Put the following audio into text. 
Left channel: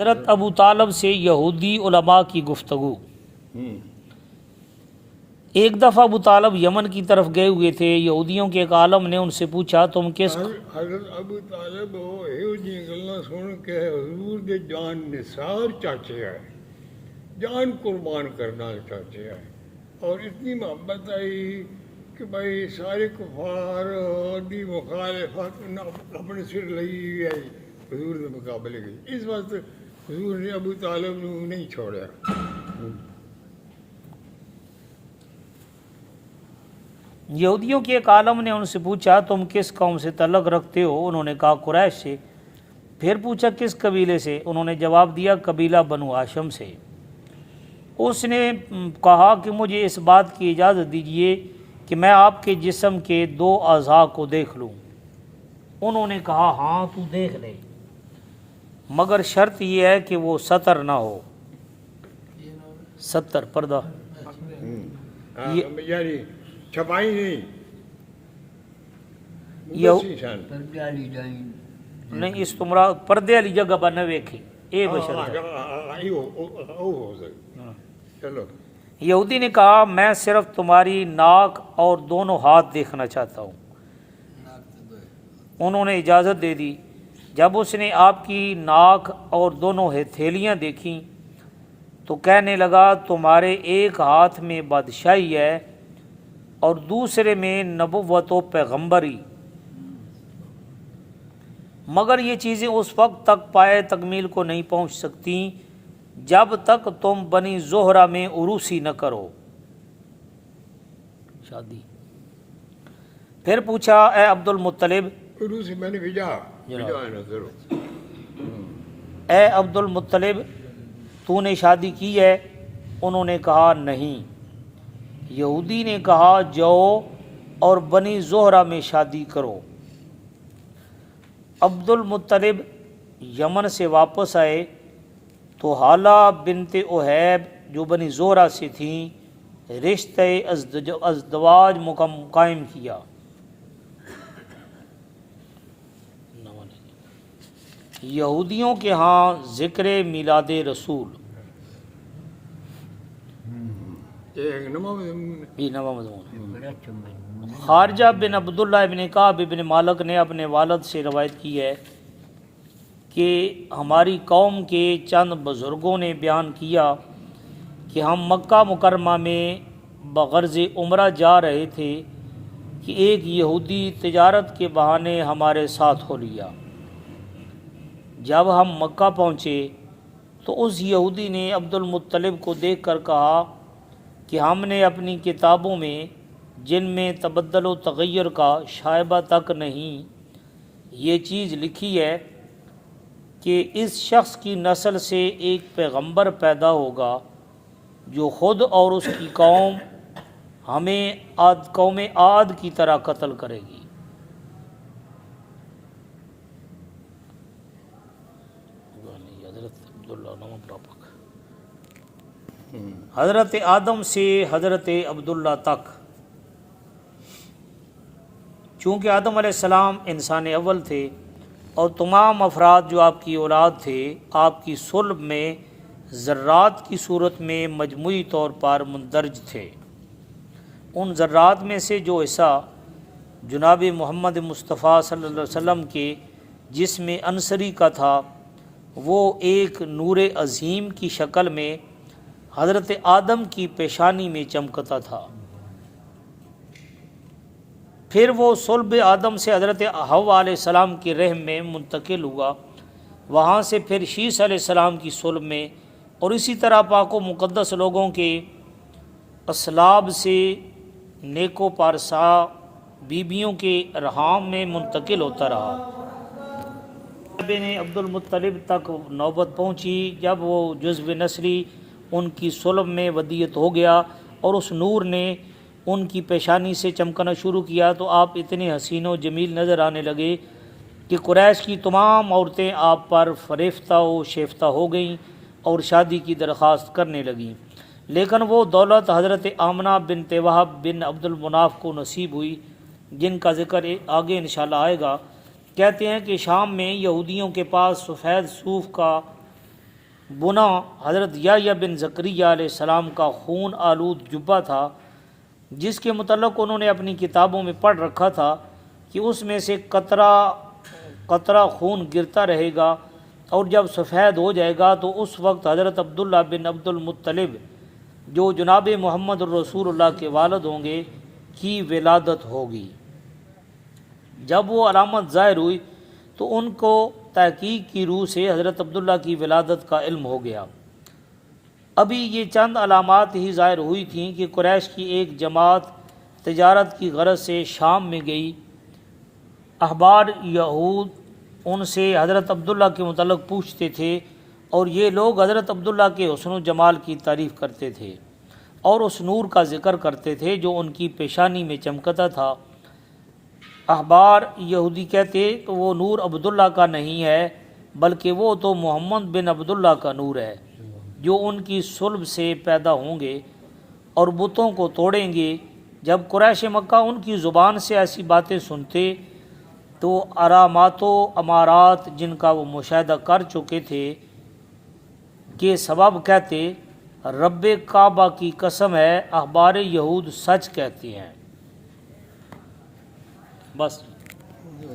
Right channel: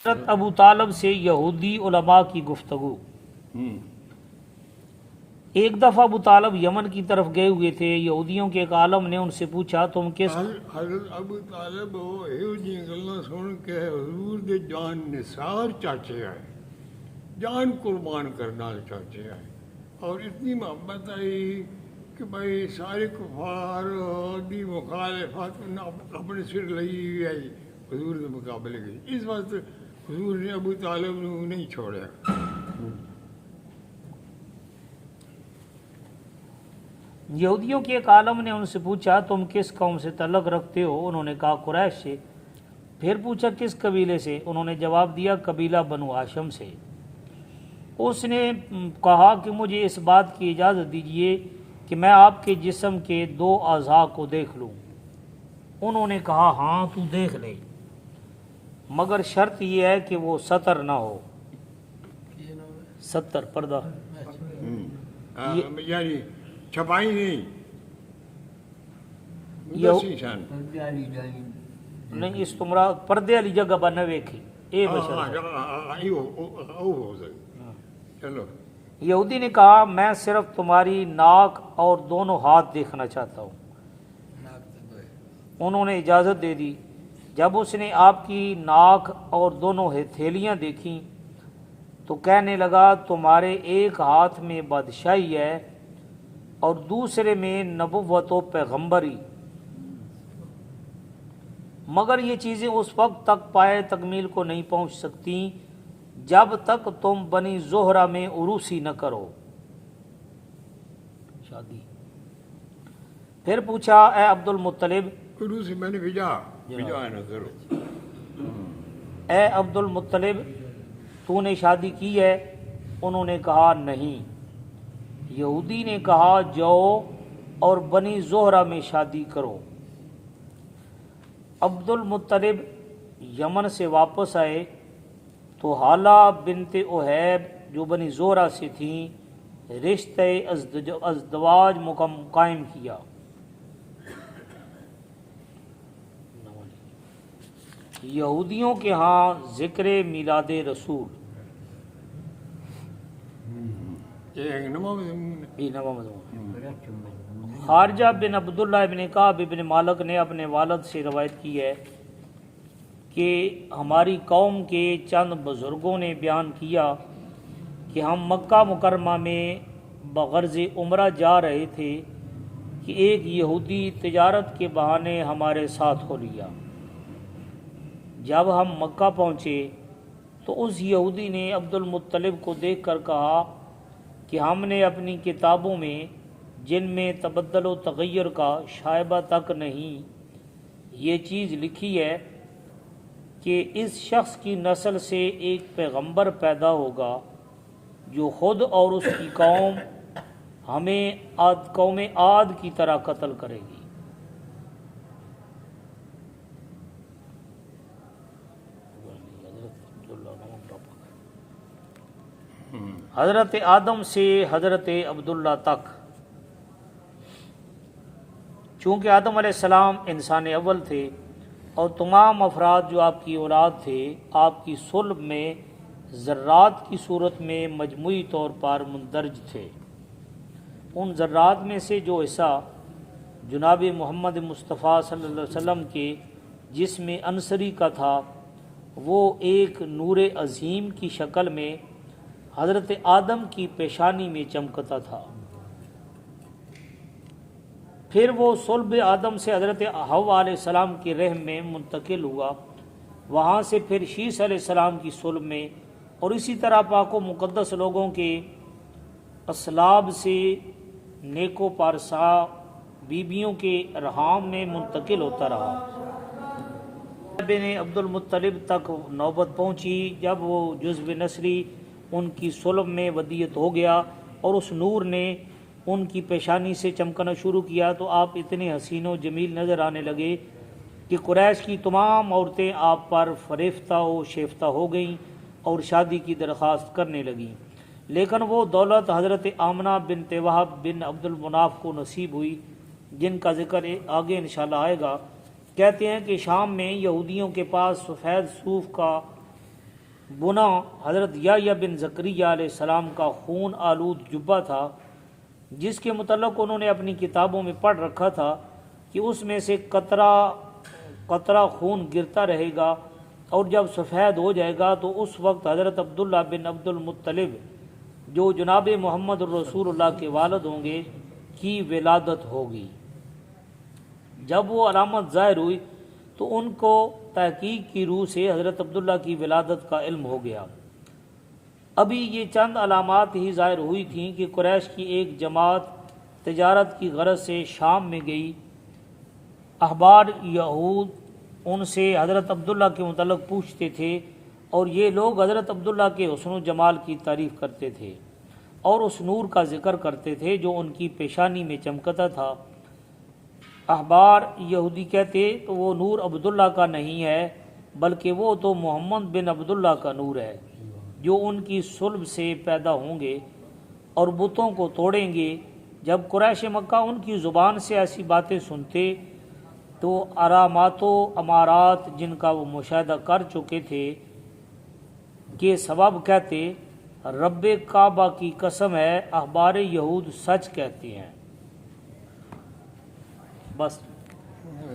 حضرت ابو طالب سے یہودی علماء کی گفتگو۔ ایک دفعہ ابو طالب یمن کی طرف گئے ہوئے تھے۔ یہودیوں کے ایک عالم نے ان سے پوچھا تم کس حضرت ابو طالب یہ گلاں سن کے حضور دے جان نثار چاچے آئے، جان قربان کرنا چاچے آئے، اور اتنی محبت آئی کہ بھائی سارے کفار دی مخالفت اپنے سر لئی آئی حضور کے مقابلے گئی۔ اس واسطے حضور نے ابو طالب نو نہیں چھوڑا۔ یہودیوں کے ایک عالم نے ان سے پوچھا تم کس قوم سے تعلق رکھتے ہو؟ انہوں نے کہا قریش سے۔ پھر پوچھا کس قبیلے سے؟ انہوں نے جواب دیا قبیلہ بنو ہاشم سے۔ اس نے کہا کہ مجھے اس بات کی اجازت دیجیے کہ میں آپ کے جسم کے 2 اعضاء کو دیکھ لوں۔ انہوں نے کہا ہاں تو دیکھ لے، مگر شرط یہ ہے کہ وہ سطر نہ ہو۔ ستر پردہ یعنی چھپائی نہیں، نہیں اس تمرا پردے والی جگہ پر نہ ویکھی اے بشر۔ چلو یہودی نے کہا میں صرف تمہاری ناک اور دونوں ہاتھ دیکھنا چاہتا ہوں۔ انہوں نے اجازت دے دی۔ جب اس نے آپ کی ناک اور دونوں ہتھیلیاں دیکھیں تو کہنے لگا تمہارے ایک ہاتھ میں بادشاہی ہے اور دوسرے میں نبوت و پیغمبری، مگر یہ چیزیں اس وقت تک پائے تکمیل کو نہیں پہنچ سکتی جب تک تم بنی زہرہ میں عروسی نہ کرو، شادی۔ پھر پوچھا اے عبد المطلب، عروسی میں نے بھیجا نہ کرو، اے عبد المطلب تو نے شادی کی ہے؟ انہوں نے کہا نہیں۔ یہودی نے کہا جاؤ اور بنی زہرہ میں شادی کرو۔ عبد المطلب یمن سے واپس آئے تو حالہ بنت احیب جو بنی زہرہ سے تھیں رشتہ ازدواج قائم کیا۔ یہودیوں کے ہاں ذکر میلاد رسول، خارجہ بن عبداللہ بن کعب بن مالک نے اپنے والد سے روایت کی ہے کہ ہماری قوم کے چند بزرگوں نے بیان کیا کہ ہم مکہ مکرمہ میں بغرض عمرہ جا رہے تھے کہ ایک یہودی تجارت کے بہانے ہمارے ساتھ ہو لیا۔ جب ہم مکہ پہنچے تو اس یہودی نے عبد المطلب کو دیکھ کر کہا کہ ہم نے اپنی کتابوں میں جن میں تبدل و تغیر کا شائبہ تک نہیں یہ چیز لکھی ہے کہ اس شخص کی نسل سے ایک پیغمبر پیدا ہوگا جو خود اور اس کی قوم ہمیں قوم عاد کی طرح قتل کرے گی۔ حضرت آدم سے حضرت عبداللہ تک، چونکہ آدم علیہ السلام انسان اول تھے اور تمام افراد جو آپ کی اولاد تھے آپ کی صلب میں ذرات کی صورت میں مجموعی طور پر مندرج تھے۔ ان ذرات میں سے جو حصہ جناب محمد مصطفیٰ صلی اللہ علیہ وسلم کے جسم انصری کا تھا وہ ایک نور عظیم کی شکل میں حضرت آدم کی پیشانی میں چمکتا تھا۔ پھر وہ صلب آدم سے حضرت حوا علیہ السلام کے رحم میں منتقل ہوا، وہاں سے پھر شیس علیہ السلام کی صلب میں، اور اسی طرح پاک و مقدس لوگوں کے اصلاب سے نیک و پارسا بیبیوں کے رحام میں منتقل ہوتا رہا۔ بن عبد المطلب تک نوبت پہنچی جب وہ جزو نسلی ان کی صلب میں ودیت ہو گیا اور اس نور نے ان کی پیشانی سے چمکنا شروع کیا تو آپ اتنے حسین و جمیل نظر آنے لگے کہ قریش کی تمام عورتیں آپ پر فریفتہ و شیفتہ ہو گئیں اور شادی کی درخواست کرنے لگیں، لیکن وہ دولت حضرت آمنہ بنت وہب بن عبد المناف کو نصیب ہوئی جن کا ذکر آگے انشاءاللہ آئے گا۔ کہتے ہیں کہ شام میں یہودیوں کے پاس سفید صوف کا بنا حضرت یحییٰ بن زکریا علیہ السلام کا خون آلود جبہ تھا، جس کے متعلق انہوں نے اپنی کتابوں میں پڑھ رکھا تھا کہ اس میں سے قطرہ خون گرتا رہے گا، اور جب سفید ہو جائے گا تو اس وقت حضرت عبداللہ بن عبد المطلب جو جناب محمد الرسول اللہ کے والد ہوں گے کی ولادت ہوگی۔ جب وہ علامت ظاہر ہوئی تو ان کو تحقیق کی روح سے حضرت عبداللہ کی ولادت کا علم ہو گیا۔ ابھی یہ چند علامات ہی ظاہر ہوئی تھیں کہ قریش کی ایک جماعت تجارت کی غرض سے شام میں گئی۔ احبار یہود ان سے حضرت عبداللہ کے متعلق پوچھتے تھے، اور یہ لوگ حضرت عبداللہ کے حسن و جمال کی تعریف کرتے تھے اور اس نور کا ذکر کرتے تھے جو ان کی پیشانی میں چمکتا تھا۔ احبار یہودی کہتے تو وہ نور عبداللہ کا نہیں ہے، بلکہ وہ تو محمد بن عبداللہ کا نور ہے جو ان کی صلب سے پیدا ہوں گے اور بتوں کو توڑیں گے۔ جب قریش مکہ ان کی زبان سے ایسی باتیں سنتے تو علامات و امارات جن کا وہ مشاہدہ کر چکے تھے کے سبب کہتے، رب کعبہ کی قسم ہے احبار یہود سچ کہتے ہیں۔ بس